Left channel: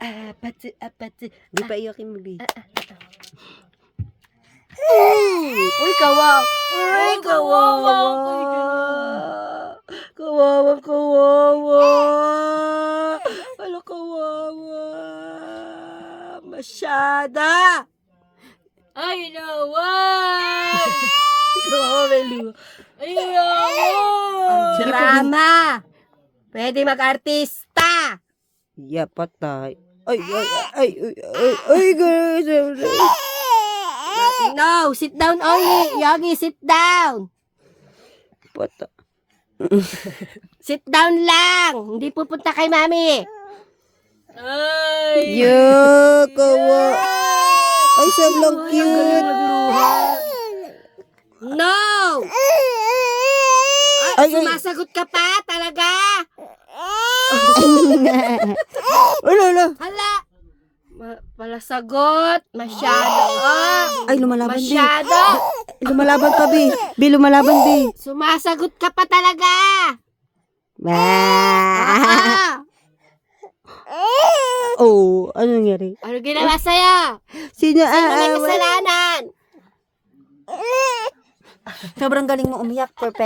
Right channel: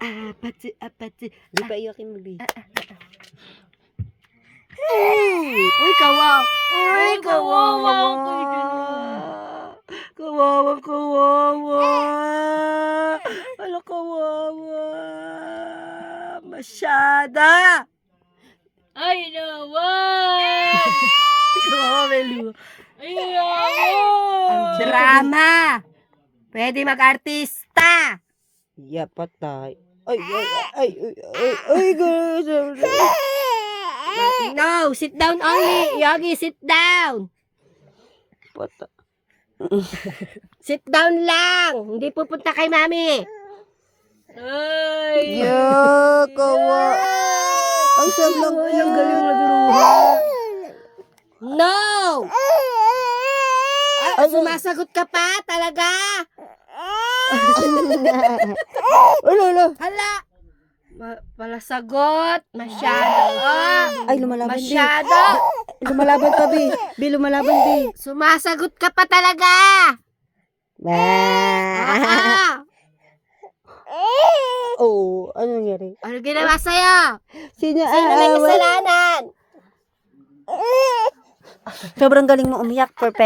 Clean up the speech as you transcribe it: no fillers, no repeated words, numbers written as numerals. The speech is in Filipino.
Apatsi. Di pa iyakin mo, Bi. Uy, kawawa. Uy, kawawa. Kawawa. Ala, kawawa. Masyada. Ay, naman! Kawawa, Melu. Ay, naman! Drama. Pwede mag-artista. Yeah, patay. Ay, guys. No, sit down only. Yogi, sit down. Patay. Sit down lang. Hindi pupunta kay mami. Ay! Yeah, kawa. Ay, sobrang cute. No! Ay, Sumasagot ka pa talaga? Ala. Hala! Palasagot. Masyado. Ay, lumalaban, Bi. Masyado. Lumalaban pa, Bi. Bi, lumalaban, Bi. Sumasagot ka pa talaga. Ba. Oh, ano nangyari? Ano ginawa sa'yo? Sino Sino na aawa? kasalanan? Sobrang galing mo umiyak. Perfect.